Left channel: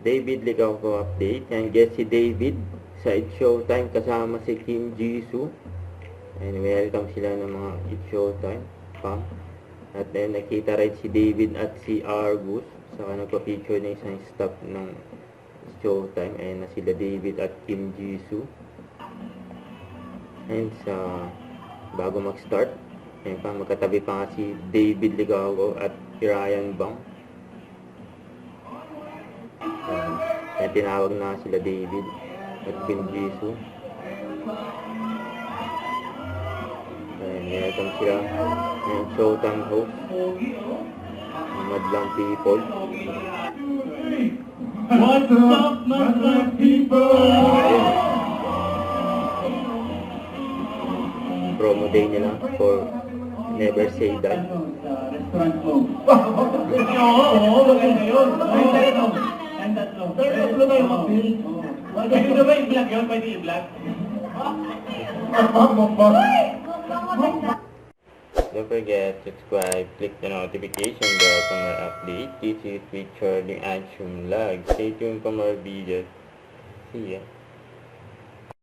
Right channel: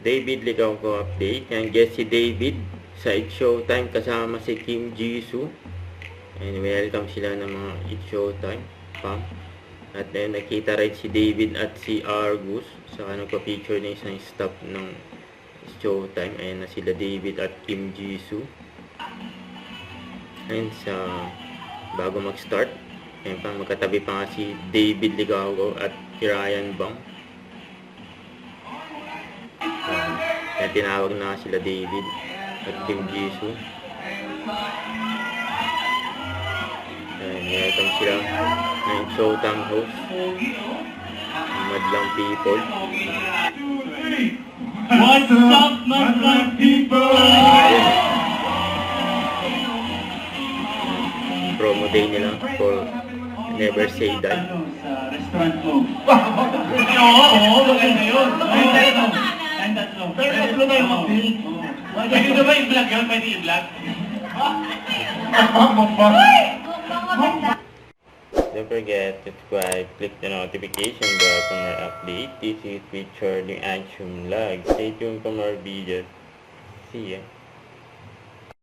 David Licauco update. Yan, guest si David sa It's Showtime kasama si Kim Jisoo. And welcome sila ng mga It's Showtime fam. At then nakita rin si David at si Argus. Saka nagpa-feature na isang staff ng It's Showtime. Ayan na sila David at Kim Jisoo. And sa bago mag-start, ayan pa, magkatabi pa nga si David Licauco at Ryan Bang. Kaya tinawag na sila David at Kim Jisoo. And welcome sila ng Showtime host, Madlang People. What's up, Madlang People? Promo day nila for Never Say Die. Sa restaurant ko. Oo, maganda yun. Ay, tatlo. Pero tatlo na yung mag-build. Pwede na ba i-vlog yun? Pwede i-vlog? Don't forget to subscribe, click the notification bell for more updates. This is Richard, yung Action Vlog. Stay tuned for more videos. See ya.